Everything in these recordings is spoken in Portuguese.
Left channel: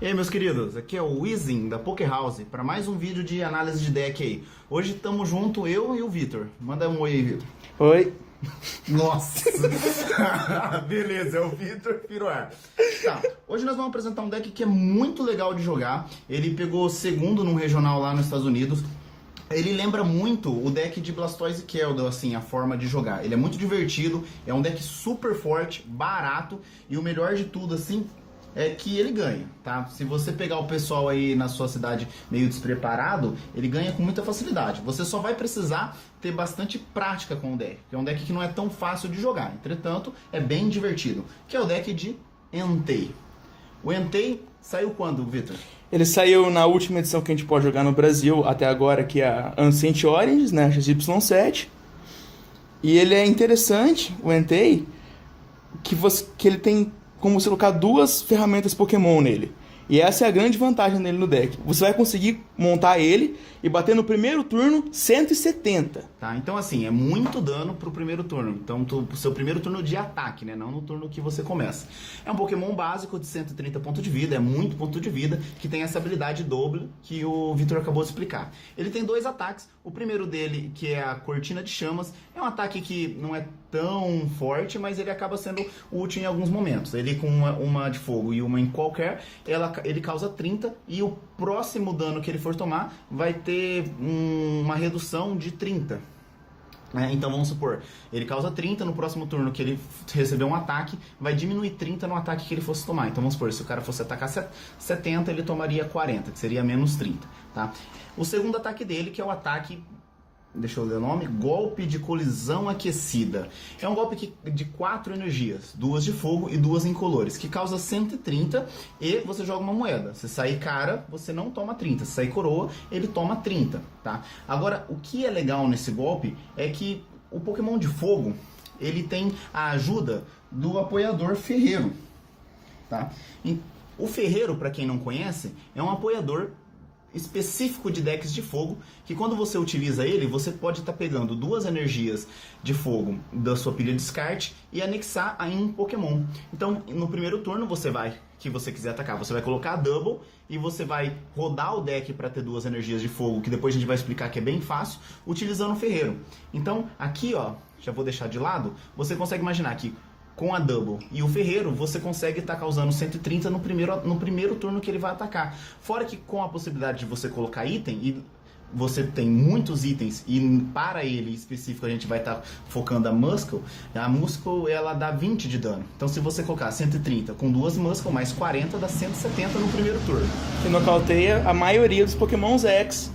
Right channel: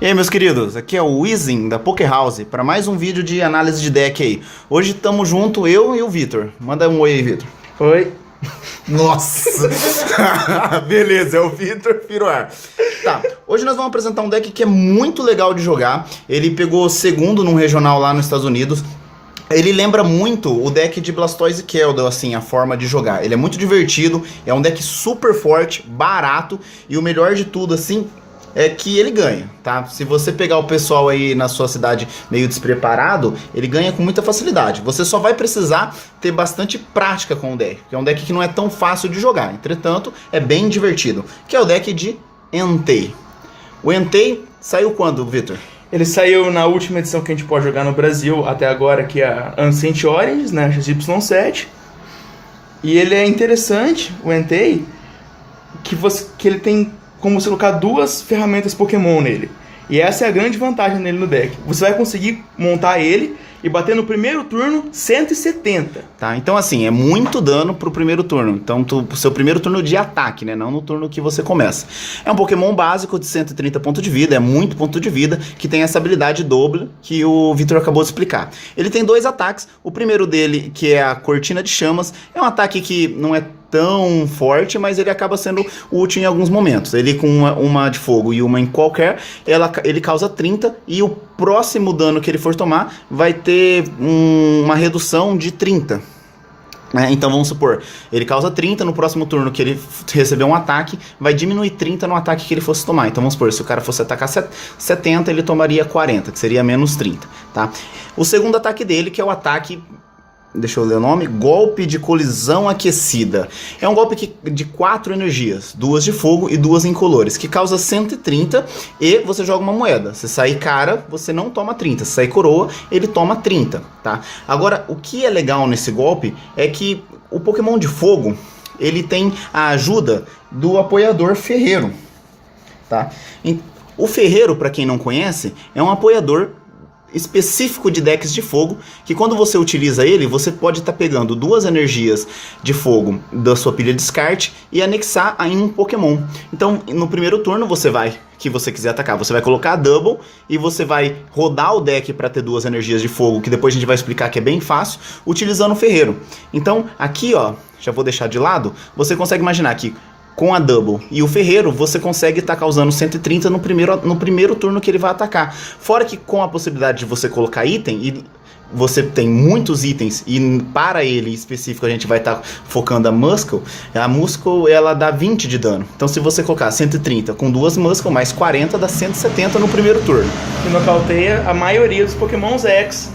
E aí, meus queridos, aqui é o Wizin da Poké House para mais um vídeo de análise de deck aí. Hoje estamos junto, eu e o Vitor. Manda um oi aí, Vitor. Oi. Nossa! Beleza, é o Vitor Piroar. Tá, hoje nós vamos apresentar um deck que é muito legal de jogar. Ele pegou segundo num regional lá nos Estados Unidos. Ele lembra muito o deck de Blastoise e Keldeo, assim, a forma de jogar. Ele é muito divertido, é um deck super forte, barato e o melhor de tudo, assim, é que ele ganha, tá? Se você pegar o pessoal aí na sua cidade meio despreparado, ele ganha com muita facilidade. Você só vai precisar ter bastante prática com o deck, que é um deck que não é tão fácil de jogar. Entretanto, é bem divertido, que é o deck de Entei. O Entei saiu quando, Vitor? Ele saiu na última edição que a gente pode jogar no Brasil até agora, que é a Ancient Origins, né, XY7. E ele é interessante, o Entei, que ele tem como você colocar duas ferramentas Pokémon nele. E essa é a grande vantagem nele no deck. Você vai conseguir montar ele e bater no primeiro turno 170. Tá, então assim, é muito dano pro primeiro turno. Então, pro seu primeiro turno de ataque, né? Não no turno que você começa. É um Pokémon básico de 130 pontos de vida, é muito ponto de vida, que tem essa habilidade doble que o Vitor acabou de explicar. Ele tem dois ataques. O primeiro dele, que é a Cortina de Chamas, é um ataque que não é tão forte, mas ele acaba sendo útil em alguns momentos. Ele com uma de fogo e uma em qualquer, ele causa 30 e o próximo dano que ele for tomar vai ter uma redução de 30. Então vamos supor, ele causa 30, no próximo turno que ele receber um ataque, vai diminuir 30 no ataque que ele fosse tomar. Então vamos supor, se o cara fosse atacar 70, ele tomaria 40, que seria menos 30, tá? O segundo ataque dele, que é o ataque... Deixa eu ler o nome. Golpe de Colisão Aquecida. É um golpe de 4 energias. 2 de fogo e 2 incolores. Que causa 130 e você joga uma moeda. Se sair cara, você não toma 30. Se sair coroa, ele toma 30. Tá? Agora, o que é legal nesse golpe é que o Pokémon de fogo, ele tem a ajuda do apoiador ferreiro. Tá? O ferreiro, para quem não conhece, é um apoiador específico de decks de fogo, que quando você utiliza ele, você pode estar pegando 2 energias de fogo da sua pilha de descarte e anexar em um Pokémon. Então, no primeiro turno, que você quiser atacar, você vai colocar a Double e você vai rodar o deck para ter 2 energias de fogo, que depois a gente vai explicar que é bem fácil, utilizando o ferreiro. Então, aqui, ó, já vou deixar de lado, você consegue imaginar que com a Double e o ferreiro, você consegue estar causando 130 no primeiro turno que ele vai atacar. Fora que com a possibilidade de você colocar item, e você tem muitos itens, e para ele específico a gente vai estar focando a Muscle ela dá 20 de dano. Então se você colocar 130 com 2 Muscle mais 40, dá 170 no primeiro turno. Que nocauteia a maioria dos Pokémons X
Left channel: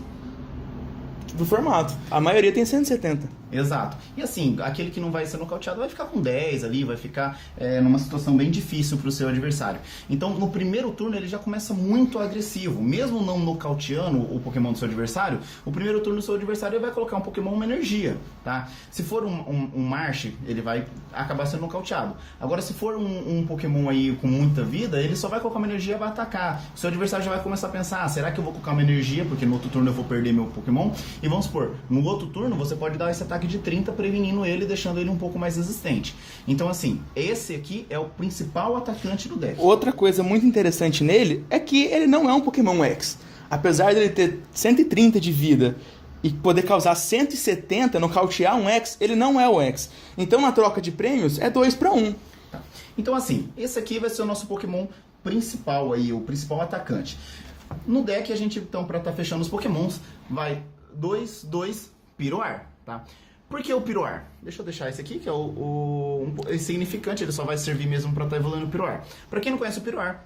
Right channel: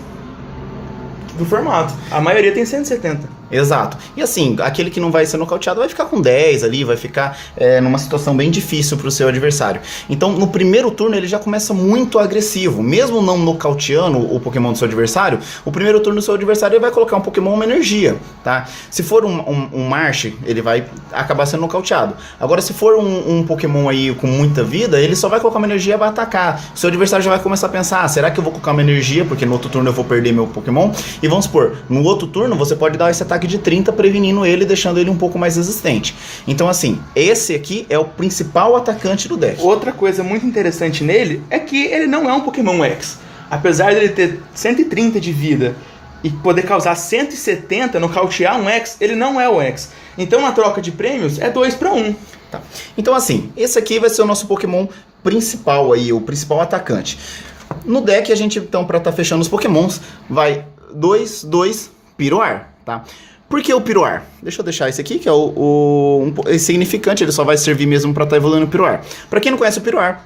do formato. A maioria tem 170. Exato. E assim, aquele que não vai ser nocauteado vai ficar com 10 ali, vai ficar numa situação bem difícil para o seu adversário. Então, no primeiro turno, ele já começa muito agressivo. Mesmo não nocauteando o Pokémon do seu adversário, o primeiro turno do seu adversário ele vai colocar um Pokémon uma energia, tá? Se for um Marsh, ele vai acabar sendo nocauteado. Agora, se for um Pokémon aí com muita vida, ele só vai colocar uma energia e vai atacar. O seu adversário já vai começar a pensar, será que eu vou colocar uma energia, porque no outro turno eu vou perder meu Pokémon? E vamos supor, no outro turno você pode dar esse ataque de 30 prevenindo ele, deixando ele um pouco mais resistente. Então assim, esse aqui é o principal atacante do deck. Outra coisa muito interessante nele é que ele não é um Pokémon X. Apesar dele ter 130 de vida e poder causar 170, nocautear um X, ele não é o X. Então na troca de prêmios é 2 para 1. Tá. Então assim, esse aqui vai ser o nosso Pokémon principal aí, o principal atacante. No deck a gente então, para estar fechando os Pokémons, vai 2, Piroar, tá? Por que o Piroar? Deixa eu deixar esse aqui, que é o insignificante, ele só vai servir mesmo para estar evoluindo o Piroar. Para quem não conhece o Piroar,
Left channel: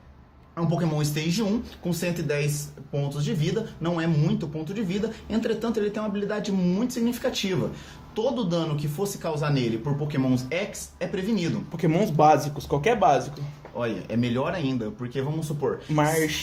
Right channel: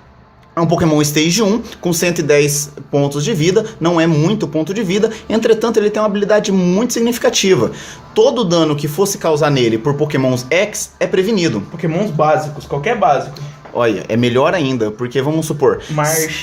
é um Pokémon Stage 1, com 110 pontos de vida, não é muito ponto de vida, entretanto ele tem uma habilidade muito significativa. Todo dano que fosse causar nele por Pokémons X é prevenido. Pokémons básicos, qualquer básico. Olha, é melhor ainda, porque vamos supor...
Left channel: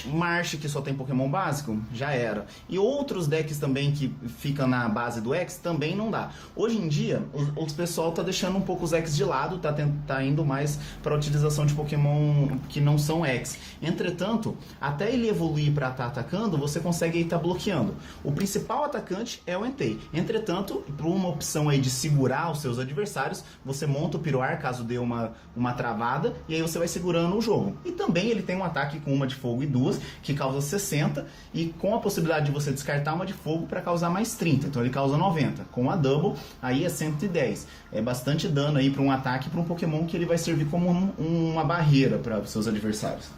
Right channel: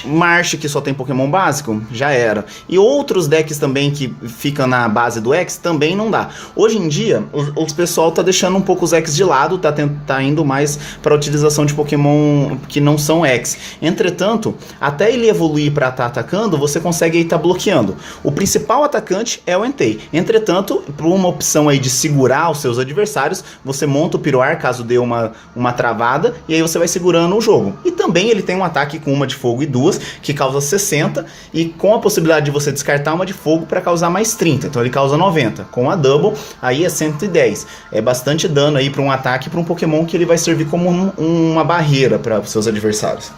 Marsh, que só tem Pokémon básico, já era. E outros decks também que ficam na base do X, também não dá. Hoje em dia, o pessoal tá deixando um pouco os X de lado, tá indo mais para a utilização de Pokémon que não são X. Entretanto, até ele evoluir para estar atacando, você consegue estar bloqueando. O principal atacante é o Entei. Entretanto, por uma opção aí de segurar os seus adversários, você monta o Piroar, caso dê uma travada, e aí você vai segurando dano o jogo. E também ele tem um ataque com uma de fogo e duas, que causa 60, e com a possibilidade de você descartar uma de fogo para causar mais 30. Então ele causa 90. Com a double, aí é 110. É bastante dano aí para um ataque, para um Pokémon que ele vai servir como uma barreira para os seus adversários.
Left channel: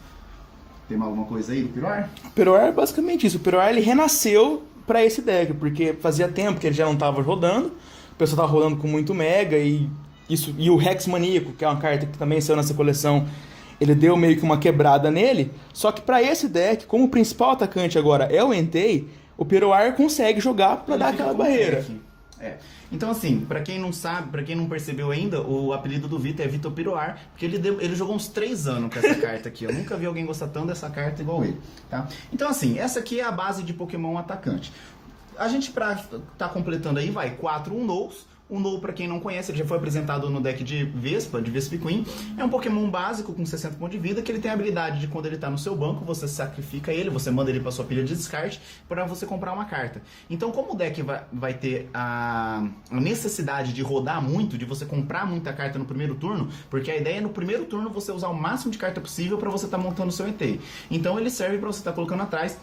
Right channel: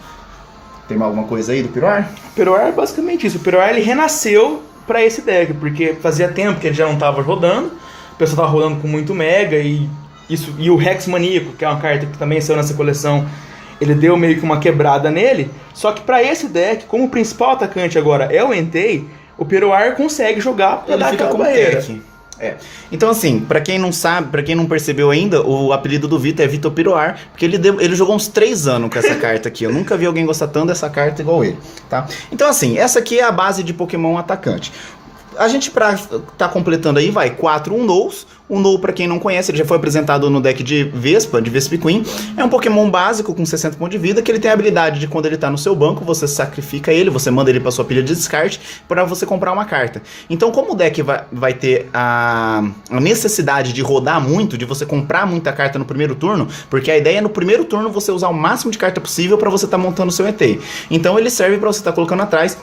Tem alguma coisa aí do Piroar? O Piroar é basicamente isso. O Piroar ele renasceu para esse deck, porque fazia tempo que ele já não estava rodando, o pessoal estava rodando com muito Mega, e o Rex Maníaco, que é uma carta que também saiu nessa coleção, ele deu meio que uma quebrada nele. Só que para esse deck, como o principal atacante agora é o Entei, o Piroar consegue jogar para dar aquela barreira. Então assim, pra quem não sabe, pra quem não percebeu ainda, o apelido do Vitor é Vitor Piroar, porque ele jogou uns 3 anos com essa carta aqui. Eu nunca vi alguém gostar tanto dessa carta igual ele, tá? Então assim, essa aqui é a base de Pokémon atacante. A gente tá completando aí, 4 Unowls. O Unowl, pra quem não conhece, ele já foi apresentado no deck de Vespiquen. É um Pokémon básico com 60 pontos de vida, que ele tem a habilidade de quando ele tá no seu banco, você sacrifica ele, você manda ele pra sua pilha de descarte para você comprar uma carta. Então, como o deck vai ter a necessidade de rodar muito, de você comprar muita carta no primeiro turno, porque a ideia é no primeiro turno você usar o máximo de carta possível para você estar montando o seu Entei. Então ele serve para você estar colocando atrás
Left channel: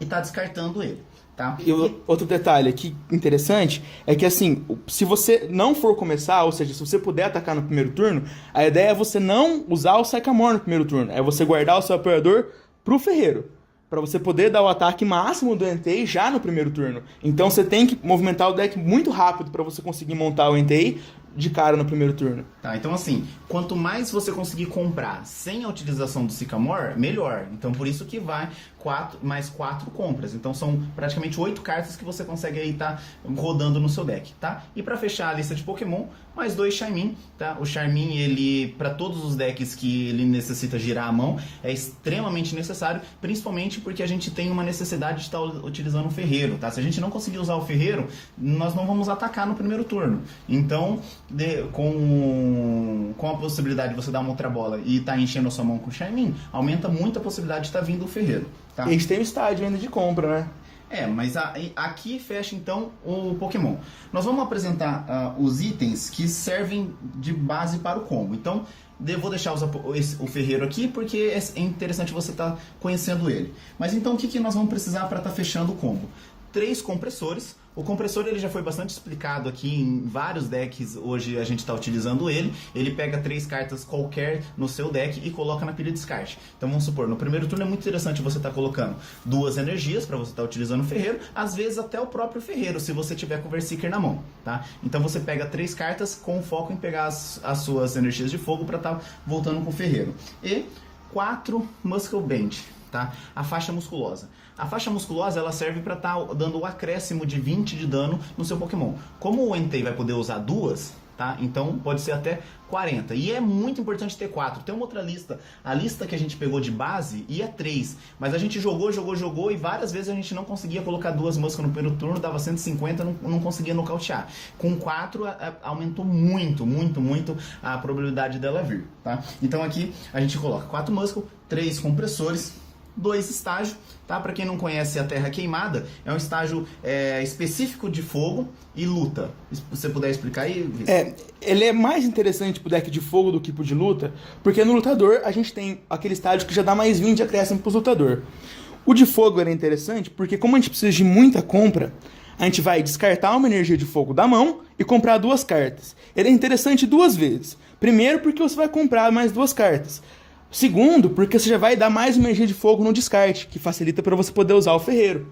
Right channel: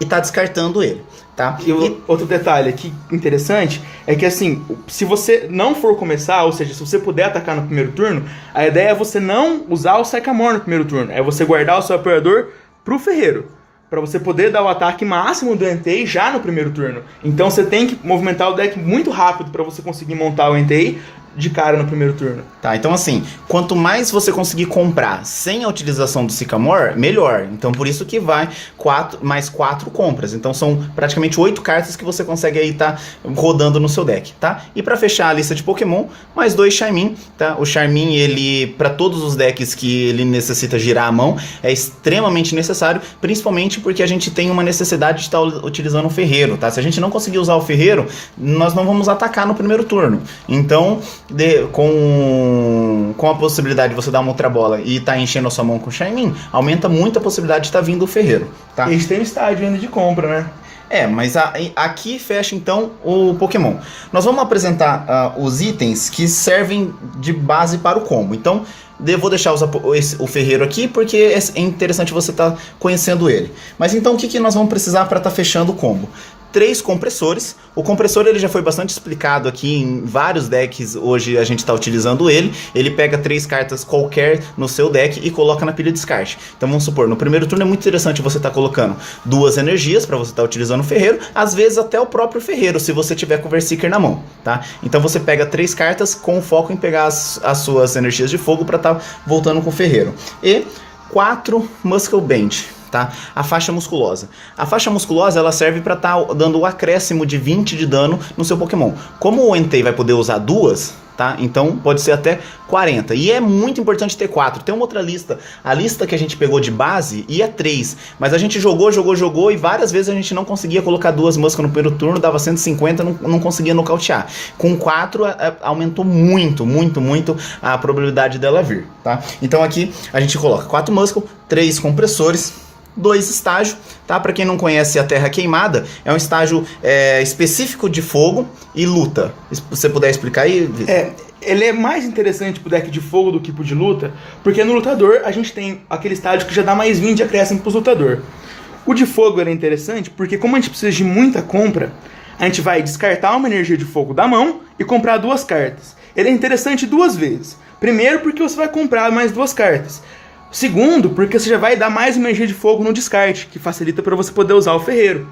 e tá descartando ele, tá? E outro detalhe aqui interessante é que assim, se você não for começar, ou seja, se você puder atacar no primeiro turno, a ideia é você não usar o Sycamore no primeiro turno, é você guardar o seu apoiador pro ferreiro, para você poder dar o ataque máximo do Entei já no primeiro turno. Então você tem que movimentar o deck muito rápido para você conseguir montar o Entei de cara no primeiro turno. Tá, então assim, quanto mais você conseguir comprar sem a utilização do Sycamore, melhor. Então por isso que vai mais 4 compras. Então são praticamente 8 cartas que você consegue aí tá rodando no seu deck, tá? E para fechar a lista de Pokémon, mais 2 Charmin, tá? O Charmin, ele, para todos os decks que ele necessita girar a mão, é extremamente necessário, principalmente porque a gente tem uma necessidade de estar utilizando o ferreiro, tá? Se a gente não conseguir usar o ferreiro, nós não vamos atacar no primeiro turno. Então, com a possibilidade de você dar uma outra bola e tá enchendo a sua mão com o Charmin, aumenta muito a possibilidade de estar vindo o ferreiro, tá? E a gente tem um estádio ainda de compra, né? Mas aqui fecha então o Pokémon. Nós vamos apresentar os itens que servem de base para o combo. Então, vou deixar o ferreiro aqui porque é interessante você estar conhecendo ele. Mas então o que nós vamos precisar para estar fechando o combo? 3 compressores. O compressor ele já foi bastante explicado aqui em vários decks. Hoje a gente está utilizando ele. Ele pega 3 cartas qualquer no seu deck e coloca na pilha de descarte. Então vamos supor, no primeiro turno é muito interessante você estar colocando 2 energias para você estar utilizando o ferreiro. Às vezes até o próprio ferreiro, se você tiver com o Berserker na mão, tá? Então você pega 3 cartas com foco em pegar as suas energias de fogo para estar voltando com o ferreiro. E 4 Muscle Band. Tá? A faixa musculosa. A faixa musculosa ela serve para estar dando o acréscimo de 20 de dano no seu Pokémon. Como o Entei vai poder usar 2, tá? Então pode ser até 40. E é muito importante ter 4. Tem uma outra lista. A lista que a gente pegou de base ia 3. Mas a gente jogou e várias vezes a gente não conseguia colocar 2 moscas no primeiro turno, dava 150, não conseguia nocautear. Com 4 aumentou muito a probabilidade dela vir, tá? Então aqui a gente coloca 4 muscle, 3 compressores, 2 estágios, tá? Para quem não conhece a Terra Queimada, é um estágio específico de fogo e luta. Se você puder explicar aí, Vitor. Ele é mais interessante pro deck de fogo do que pro de luta, porque no lutador a gente tem aquele estágio que já dá mais 20 de acréscimo pros lutador. O de fogo era interessante porque como a gente precisa de muita compra, a gente vai descartar uma energia de fogo da mão e comprar 2 cartas. Ele é interessante 2 vezes. Primeiro porque você vai comprar mais 2 cartas. Segundo, porque você já vai dar mais energia de fogo no descarte, que facilita para você poder usar o ferreiro.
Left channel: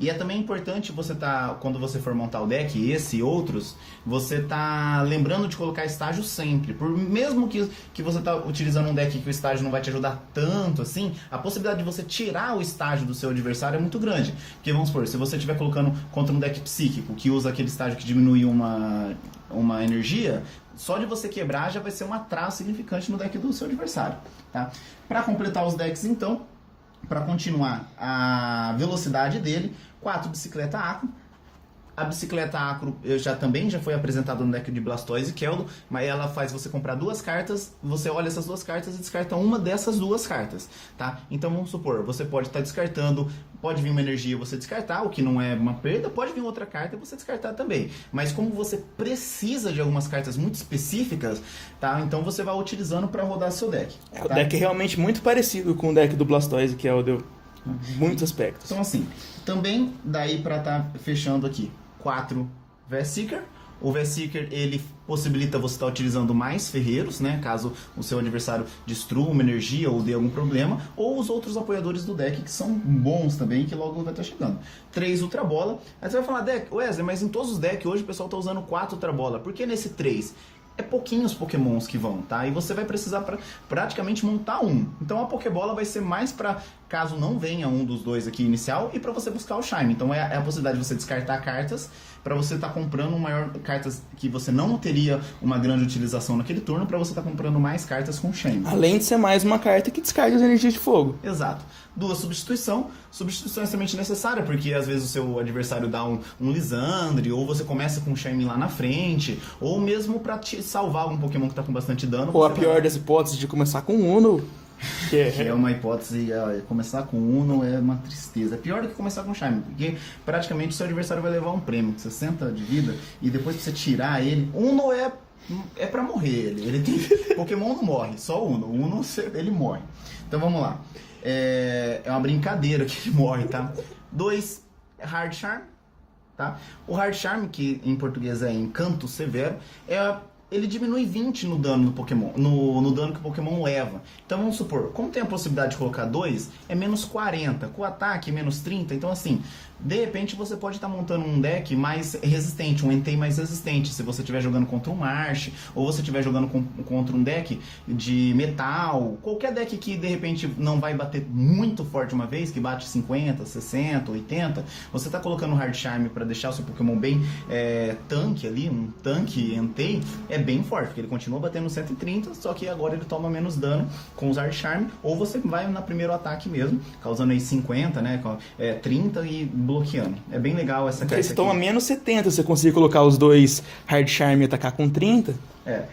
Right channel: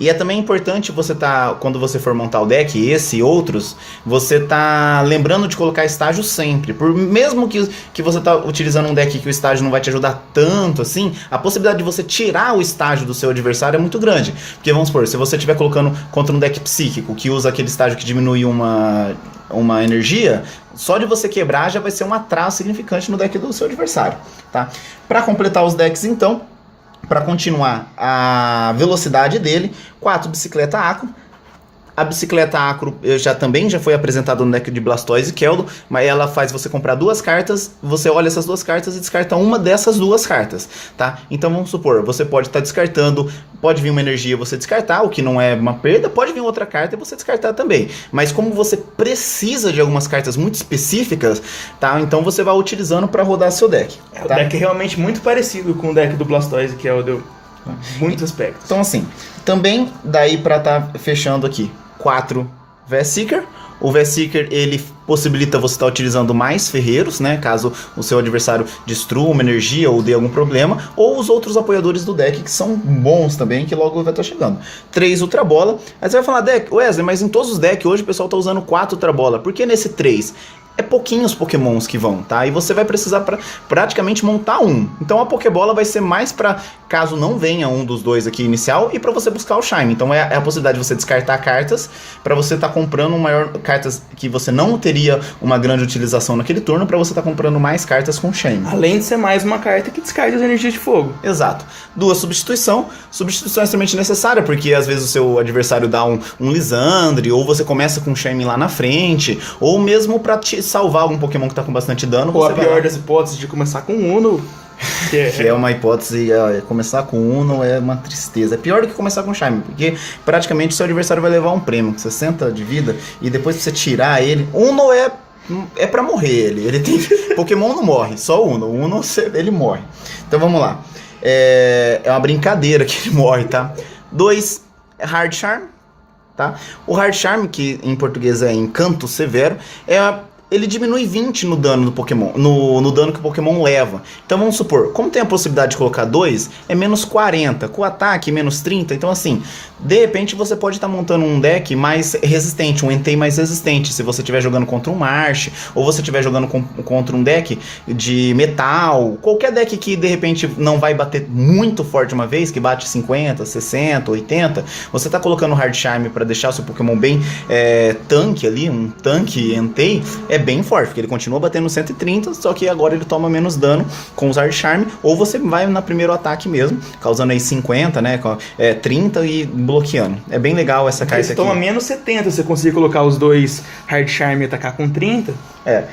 E é também importante você quando você for montar o deck, esse e outros, você tá lembrando de colocar estágio sempre. Mesmo que você tá utilizando um deck que o estágio não vai te ajudar tanto assim, a possibilidade de você tirar o estágio do seu adversário é muito grande. Porque vamos supor, se você estiver colocando contra um deck psíquico, que usa aquele estágio que diminui uma energia, só de você quebrar já vai ser um atraso significante no deck do seu adversário, tá? Para completar os decks, então, para continuar a velocidade dele, 4 bicicleta Aqua, A bicicleta Acro também já foi apresentada no deck de Blastoise e Keldon, mas ela faz você comprar 2 cartas, você olha essas 2 cartas e descarta uma dessas 2 cartas, tá? Então vamos supor, você pode estar descartando, pode vir uma energia e você descartar, o que não é uma perda, pode vir outra carta e você descartar também. Mas como você precisa de algumas cartas muito específicas, tá? Então você vai utilizando para rodar seu deck. O deck é realmente muito parecido com o deck do Blastoise, que é o de muitos aspectos. Então assim, também daí para estar fechando aqui, 4 Vesiker. O Vesiker, ele possibilita você estar utilizando mais ferreiros, né? Caso o seu adversário destrua uma energia ou dê algum problema. Ou os outros apoiadores do deck, que são bons também, que logo vai estar chegando. 3 Ultra Bola. Aí você vai falar, Wesley, mas em todos os decks hoje o pessoal está usando 4 Ultra Bola. Por que nesse 3? É pouquinhos pokémons que vão, tá? E você vai precisar praticamente montar um. Então a Pokébola vai ser mais pra caso não venha um dos 2 aqui inicial e pra você buscar o Shine. Então é a possibilidade de você descartar cartas pra você estar comprando cartas que você não teria uma grande utilização naquele turno, pra você estar comprando mais cartas com Shine. Além de ser mais uma carta que descarta as energias de fogo. Exato. 2 Substituição. Substituição é extremamente necessária, porque às vezes o seu adversário dá um Lissandre, ou você começa com Shine lá na frente, ou mesmo pra te salvar algum Pokémon que tá com bastante dano. Ou a pior das hipóteses de começar com Uno. Que é uma hipótese, começar com Uno é uma tristeza. É pior do que começar com Shine, porque praticamente o seu adversário vai levar um prêmio, 60 de vida, e depois pra você tirar ele... Uno é pra morrer ele tem... Pokémon não morre, só Uno. Uno ele morre. Então vamos lá. É uma brincadeira que ele morre, tá? 2 Hard Charm, tá? O Hard Charm, que em português é Encanto Severo, ele diminui 20 no dano do Pokémon, no dano que o Pokémon leva. Então vamos supor, como tem a possibilidade de colocar 2, é menos 40, com o ataque menos 30, então assim, de repente você pode estar montando um deck mais resistente, um Entei mais resistente, se você estiver jogando contra um Marsh, ou você estiver jogando contra um deck de metal, qualquer deck que de repente não vai bater muito forte uma vez, que bate 50, 60, 80, você está colocando o Hard Charm para deixar o seu Pokémon bem tanque ali, um tanque Entei, é bem forte, porque ele continua batendo 130, só que agora ele toma menos dano com os Hard Charm, ou você vai na primeiro ataque mesmo, causando aí 50, né, 30 e bloqueando. É bem legal essa carta aqui. Você toma menos 70, você conseguir colocar os 2 Hard Charm e atacar com 30.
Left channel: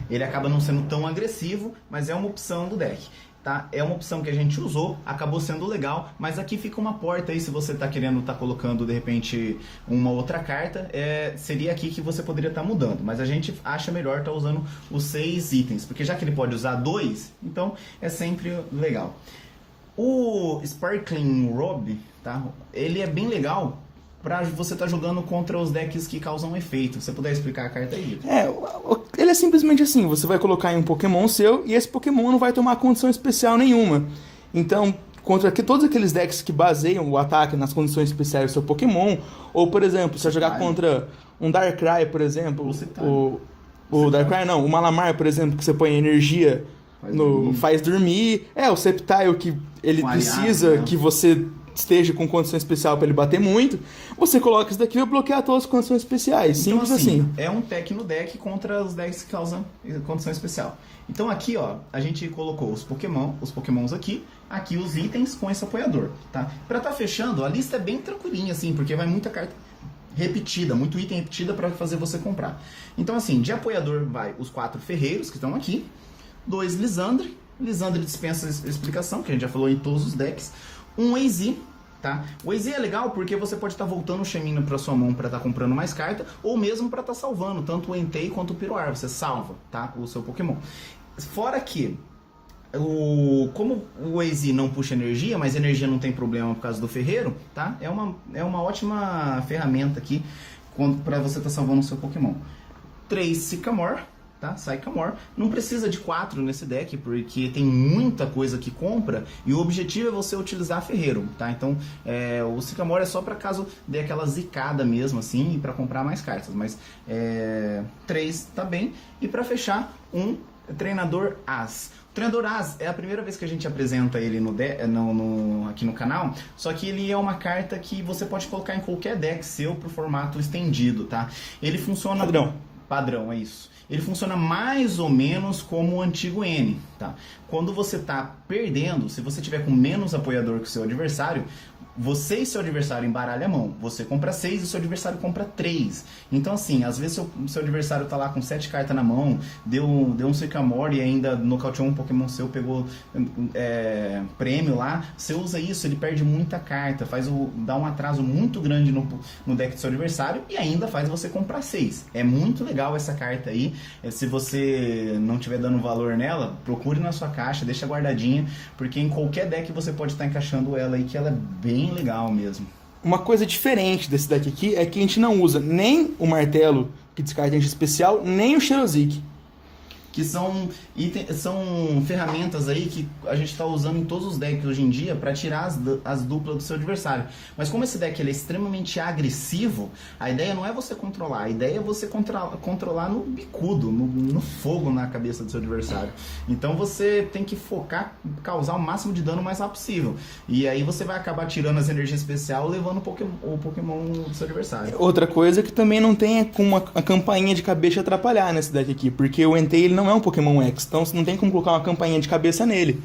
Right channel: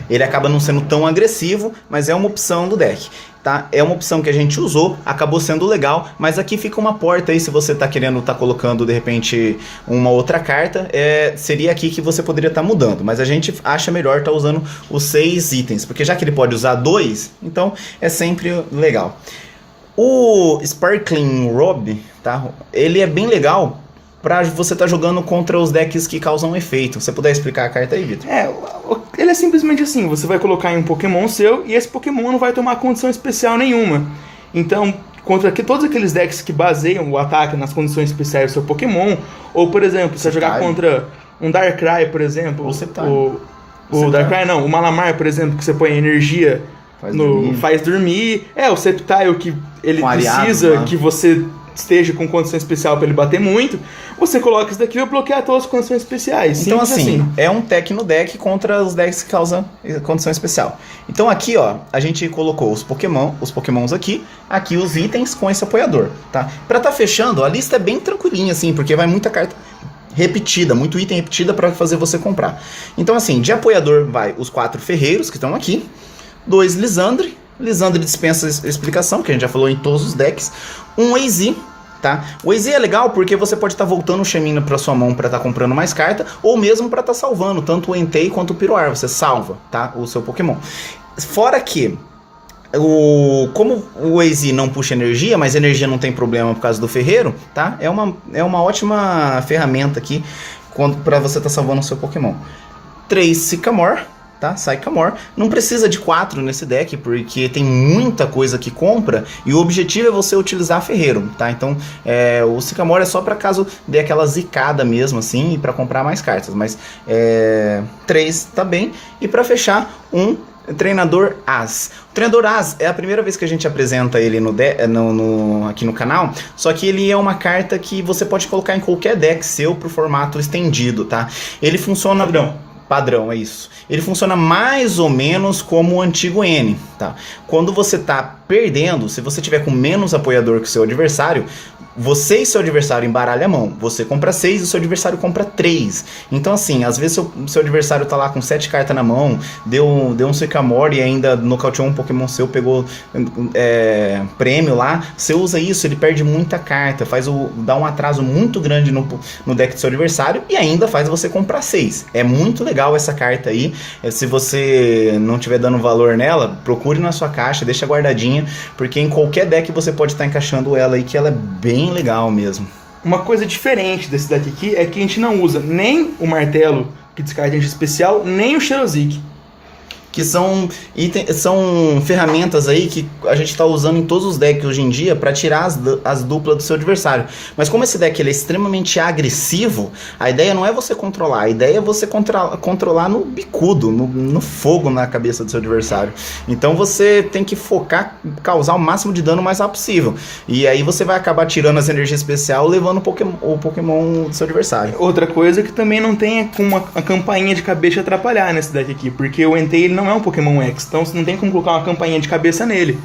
Ele acaba não sendo tão agressivo, mas é uma opção do deck. Tá? É uma opção que a gente usou, acabou sendo legal, mas aqui fica uma porta aí, se você tá querendo colocando de repente uma outra carta, seria aqui que você poderia estar mudando, mas a gente acha melhor estar usando os 6 itens, porque já que ele pode usar 2, então é sempre legal. O Sparkling Robe, tá? Ele é bem legal pra você estar jogando contra os decks que causam efeito. Você puder explicar a carta aí, Vitor? Ele é simplesmente assim, você vai colocar em um Pokémon seu e esse Pokémon não vai tomar condição especial nenhuma. Então, contra todos aqueles decks que baseiam o ataque nas condições especiais do seu Pokémon, ou por exemplo, você vai jogar contra um Darkrai, por exemplo, o Darkrai não, o Malamar, por exemplo, que você põe energia faz dormir. O Sceptile, que ele precisa que você esteja com condição especial para ele bater muito, você coloca isso daqui e vai bloquear todas as condições especiais. Então assim, é um Tecno Deck contra os decks que causam condição especial. Então aqui, ó, a gente colocou os Pokémons aqui os itens com esse apoiador, tá? Pra tá fechando, a lista é bem tranquilinha, assim, porque vai muita carta repetida, muito item repetida para fazer você comprar. Então assim, de apoiador vai os 4 ferreiros que estão aqui, 2 Lissandre dispensa explicação, que a gente já falou em todos os decks, um AZ, tá? O AZ é legal porque você pode estar voltando o Shemina para sua mão para estar comprando mais carta, ou mesmo para estar salvando tanto o Entei quanto o Piroar, você salva, tá? O seu Pokémon. Fora que como o AZ não puxa energia, mas energia não tem problema por causa do ferreiro, tá? É uma ótima ferramenta aqui para você estar salvando o seu Pokémon. 3 Sycamore, tá? Sycamore. Não precisa de 4 nesse deck, porque tem muita coisa que compra, e o objetivo é você utilizar ferreiro, tá? Então, o Sycamore é só para caso dê aquela zicada mesmo, assim, e para comprar mais cartas, mas 3 tá bem. E para fechar, um Treinador As. O Treinador As é a primeira vez que a gente apresenta ele aqui no canal, só que ele é uma carta que você pode colocar em qualquer deck seu pro formato estendido, tá? Ele funciona... Padrão, é isso. Ele funciona mais ou menos como o antigo N, tá? Quando você tá perdendo, se você tiver com menos apoiador que o seu adversário, você e seu adversário embaralham a mão. Você compra 6 e o seu adversário compra 3. Então, assim, às vezes seu adversário tá lá com 7 cartas na mão, deu um Sycamore e ainda nocauteou um Pokémon seu, pegou prêmio lá. Você usa isso, ele perde muita carta, dá um atraso muito grande no deck do seu adversário e ainda faz você comprar 6. É muito legal essa carta aí. Se você não tiver dando valor nela, procure na sua caixa, deixa guardadinha, porque em qualquer deck você pode estar encaixando ela aí, que ela é bem legal mesmo. Uma coisa diferente desse deck aqui é que a gente não usa nem o martelo, que descarta energia especial, nem o Xerosic. Que são ferramentas aí que a gente está usando em todos os decks hoje em dia para tirar as duplas do seu adversário. Mas como esse deck ele é extremamente agressivo, a ideia não é você controlar, a ideia é você controlar no bicudo, no fogo na cabeça do seu adversário. Então você tem que focar, causar o máximo de dano o mais rápido possível. E aí você vai acabar tirando as energias especiais, levando o Pokémon do seu adversário. Outra coisa que também não tem como a campainha de cabeça atrapalhar nesse deck aqui, porque o Entei ele não é um Pokémon X, então você não tem como colocar uma campainha de cabeça nele.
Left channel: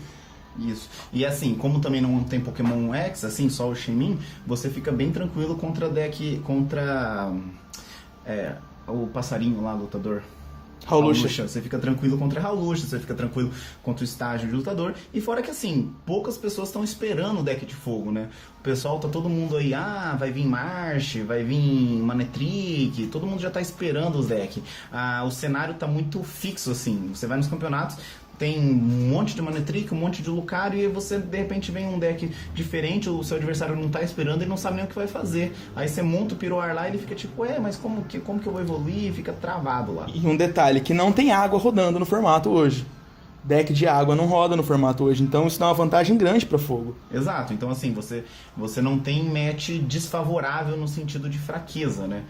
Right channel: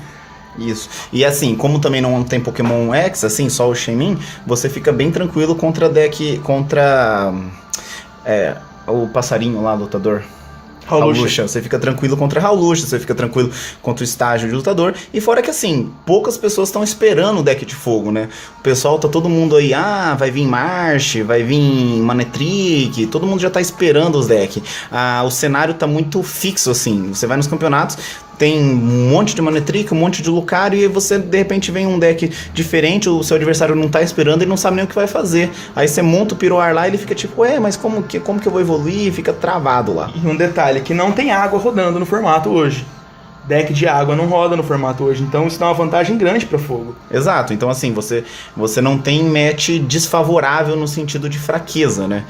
Isso. E assim, como também não tem Pokémon X, assim, só o Shaymin, você fica bem tranquilo contra o passarinho lá, lutador. Hawlucha. Você fica tranquilo contra Hawlucha, você fica tranquilo contra o estágio de lutador. E fora que assim, poucas pessoas estão esperando o deck de fogo, né? O pessoal tá todo mundo aí, vai vir Marsh, vai vir Manectric, todo mundo já tá esperando os decks. O cenário tá muito fixo, assim. Você vai nos campeonatos, tem um monte de Manectric, um monte de Lucario, e você de repente vem um deck diferente, o seu adversário não tá esperando e não sabe nem o que vai fazer. Aí você monta o Piroar lá e ele fica tipo, mas como que eu vou evoluir? E fica travado lá. E um detalhe, que não tem água rodando no formato hoje. Deck de água não roda no formato hoje, então isso dá uma vantagem grande para fogo. Exato, então assim, você não tem match desfavorável no sentido de fraqueza, né?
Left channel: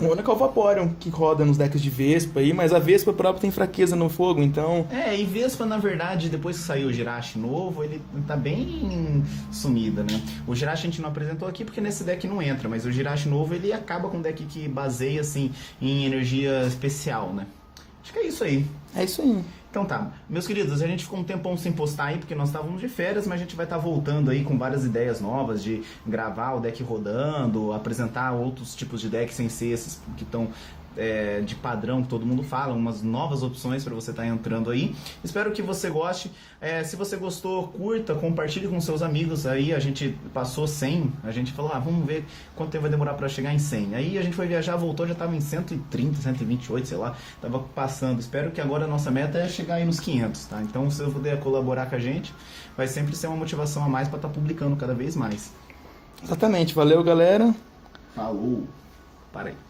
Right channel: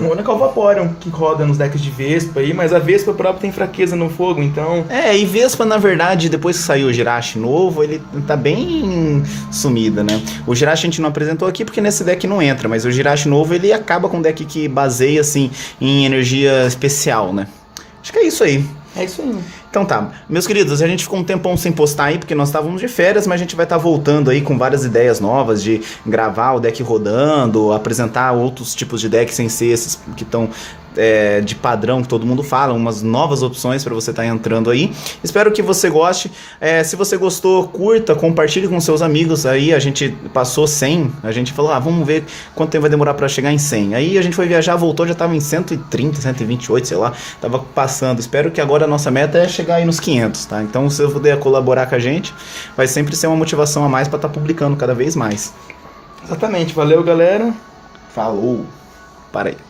O único é o Vaporeon que roda nos decks de Vespa aí, mas a Vespa própria tem fraqueza no fogo, então... E Vespa, na verdade, depois que saiu o Jirachi novo, ele tá bem sumida, né? O Jirachi a gente não apresentou aqui porque nesse deck não entra, mas o Jirachi novo, ele acaba com um deck que baseia, assim, em energia especial, né? Acho que é isso aí. É isso aí. Então tá, meus queridos, a gente ficou um tempão sem postar aí, porque nós estávamos de férias, mas a gente vai estar voltando aí com várias ideias novas de gravar o deck rodando, apresentar outros tipos de decks sem ser esses que estão de padrão que todo mundo fala, umas novas opções para você estar entrando aí. Espero que você goste. Se você gostou, curta, compartilhe com seus amigos. Aí a gente passou 100, a gente falou, vamos ver quanto tempo vai demorar para chegar em 100. Aí a gente foi viajar, voltou, já estava em 130, 128, sei lá, tava passando. Espero que agora a nossa meta é chegar aí nos 500, tá? Então se você puder colaborar com a gente, vai sempre ser uma motivação a mais para estar publicando cada vez mais. Exatamente, valeu galera. Falou, para aí.